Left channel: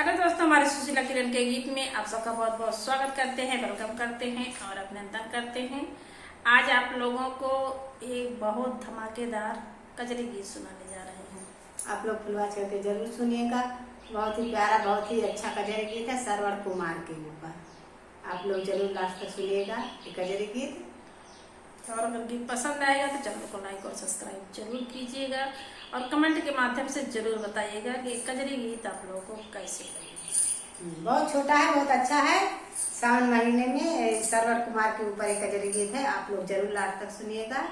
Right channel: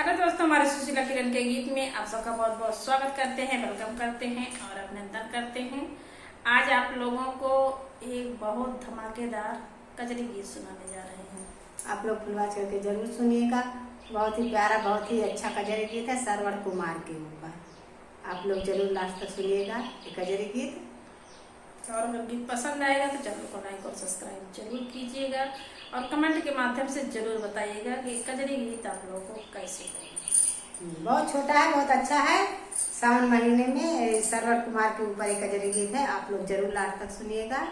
Hello दोस्तों, हमारे सुशीला किरण के गीत में आप सबका बहुत बहुत स्वागत करते हैं, वेलकम करते हैं और अभिनंदन करते हैं। आज आप लोगों को एक बहुत धमाकेदार कजरी गीत सुनाने जा रहे हैं। आप लोग फुलवा चढ़ के जरूर सुनिएगा। बहुत ही प्यारा, बहुत ही अच्छा कजरी गीत है सरवर कुमार के ऊपर। आप लोग जरूर लास्ट तक सुनिएगा ये कजरी गीत। और अगर गीत पसंद आएगा तो चैनल को लाइक और सब्सक्राइब जरूर कीजिएगा और कमेंट के माध्यम से जरूर बताइएगा कि कजरी गीत आप लोगों को कैसे लगे। बहुत छोटा है, बहुत अच्छा है। सावन महीने में सरवर कुमार के ऊपर एक कजरी गीत है। आप लोग जरूर लास्ट तक सुनिएगा।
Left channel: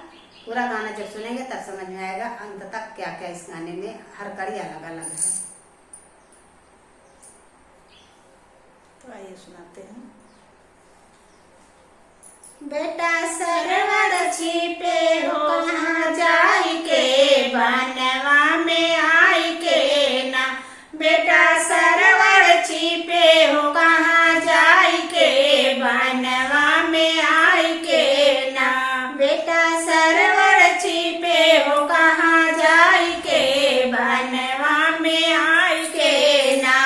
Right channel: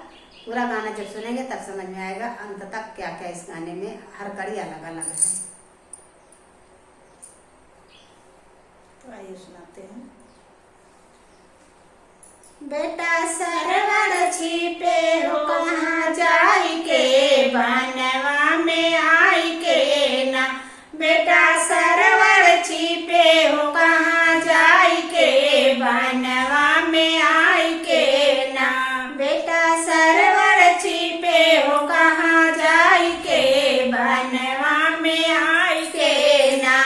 पूरा गाना जब सुनेंगे तब समझ में आएगा अंत तक क्या क्या इस गाने में, हर कड़ी अलग अलग है। तो आइए सुनाते हैं। बेटा सरवर छिपे हो कहाँ जाई के, बनवा में आई के ना। बेटा सरवर छिपे हो कहाँ जाई के, बनवा में आई के ना। बेटा सरवर छिपे हो कहाँ जाई के, बनवा में आई के ना।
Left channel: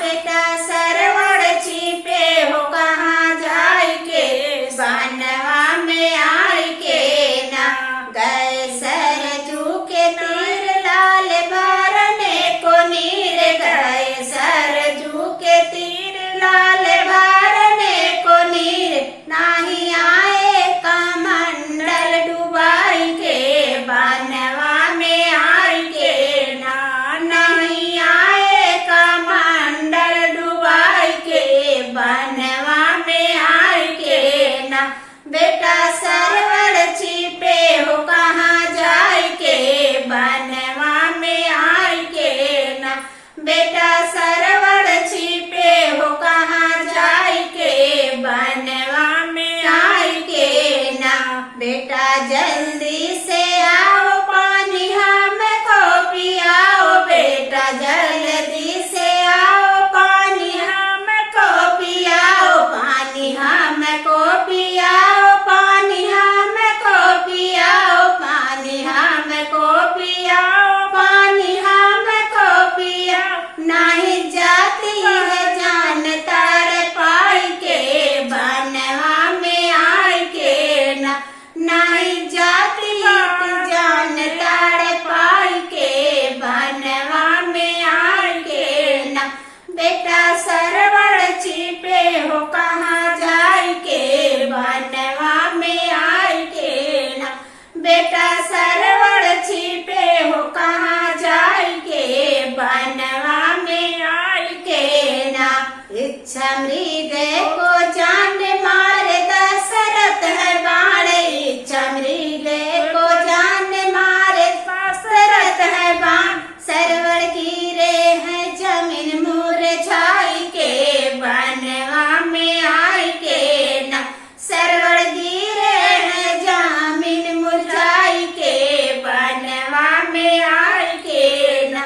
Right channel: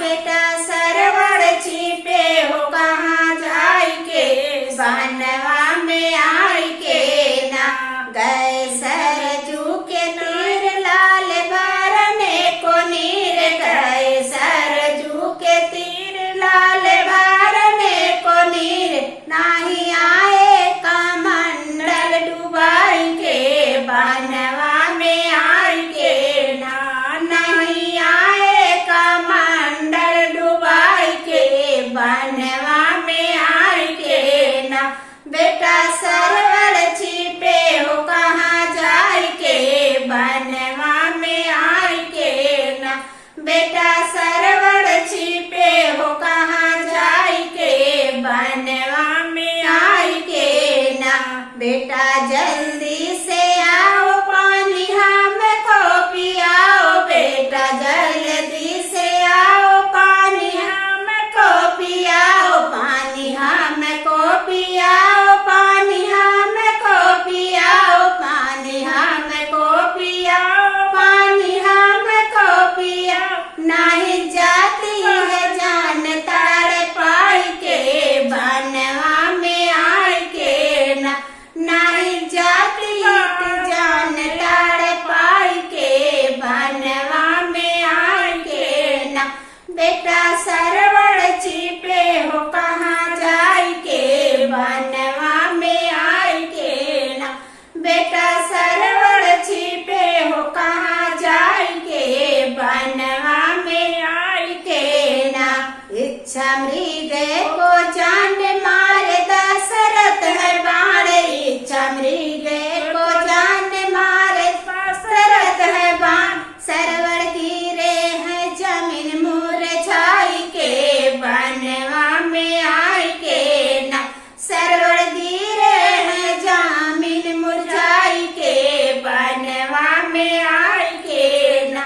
बेटा सरवर छिपे हो कहाँ जाई के, बनवा में आई के ना। गए सरजू के तीर लाल भरने को नीर, गए सरजू के तीर लाल भरने को नीर। नाही आए कमंडल डुबाई के, बनवा में आई के ना। नहीं आए कमंडल डुबाई के, बनवा में आई के ना। बेटा सरवर छिपे हो कहाँ जाई के, बनवा में आई के ना। बेटा सरवर छिपे हो कहाँ जाई के, बनवा में आई के ना। बेटा जल्दी से आओ पानी हमको पियाओ, बेटा जल्दी से आओ पानी हमको पियाओ। पानी हमको पियाओ, पानी हमको पियाओ, पानी हमको पियाओ, पानी हमको पियाओ। नहीं जाती है जान तार पाई के, बनवा में आई के ना। नहीं जाती है जान तार पाई के, बनवा में आई के ना। बेटा सरवर छिपे हो कहाँ जाई के, बनवा में आई के ना। बेटा सरवर छिपे हो कहाँ जाई के, बनवा में आई के ना। इच्छा मृग को जान मार दशरथ है बाण, इच्छा मृग को जान मार दशरथ है बाण। सरवर गिरे है जमीन मुरझाई के, बनवा में आई के ना। सरवर गिरे है जमीन मुरझाई के, बनवा में आई के ना।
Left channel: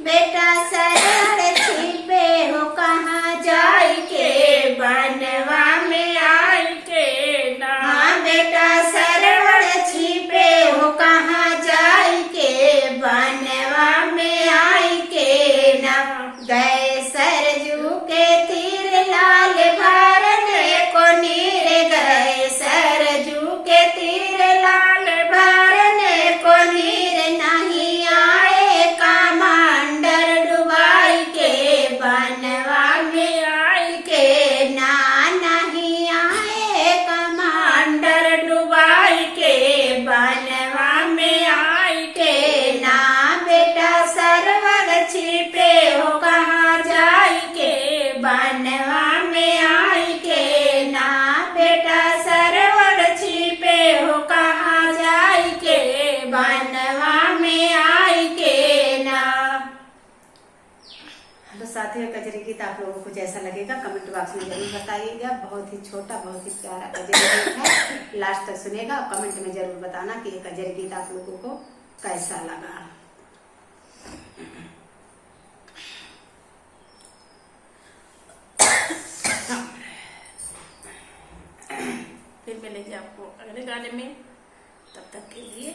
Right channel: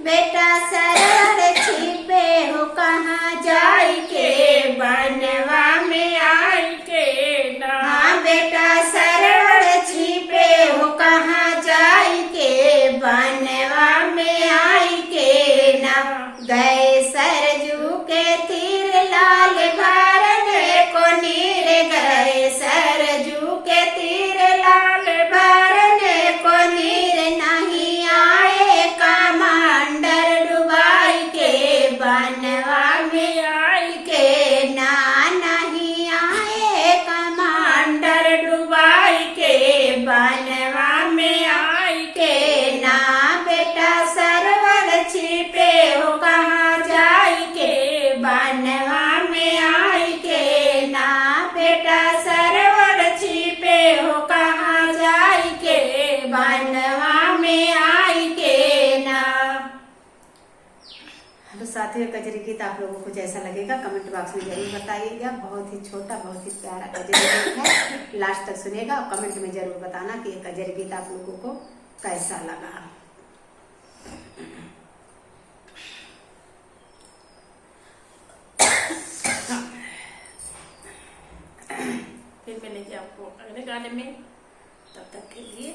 बेटा सरवर छिपे हो कहाँ जाई के, बनवा में आई के ना। हाँ बेटा सरवर छिपे हो कहाँ जाई के, बनवा में आई के ना। गए सरजू के तीर लाल भरने को नीर, गए सरजू के तीर लाल भरने को नीर। नहीं आए कमांडर डुबाई के, बनवा में आई के ना। नहीं आए कमांडर डुबाई के, बनवा में आई के ना। बेटा सरवर छिपे हो कहाँ जाई के, बनवा में आई के ना। बेटा सरवर छिपे हो कहाँ जाई के, बनवा में आई के ना। तो साथियों कजरी गीत आप लोगों को कैसा लगेगा कमेंट बॉक्स में जरूर बताइएगा। बहुत ही छोटा, बहुत ही प्यारा कजरी गीत है। लास्ट तक सुनेगा और कमेंट में जरूर बताना कि ये कजरी गीत आप लोगों को कैसा लगा। फिर मिलेंगे आपको अगले गाने में, तब तक के लिए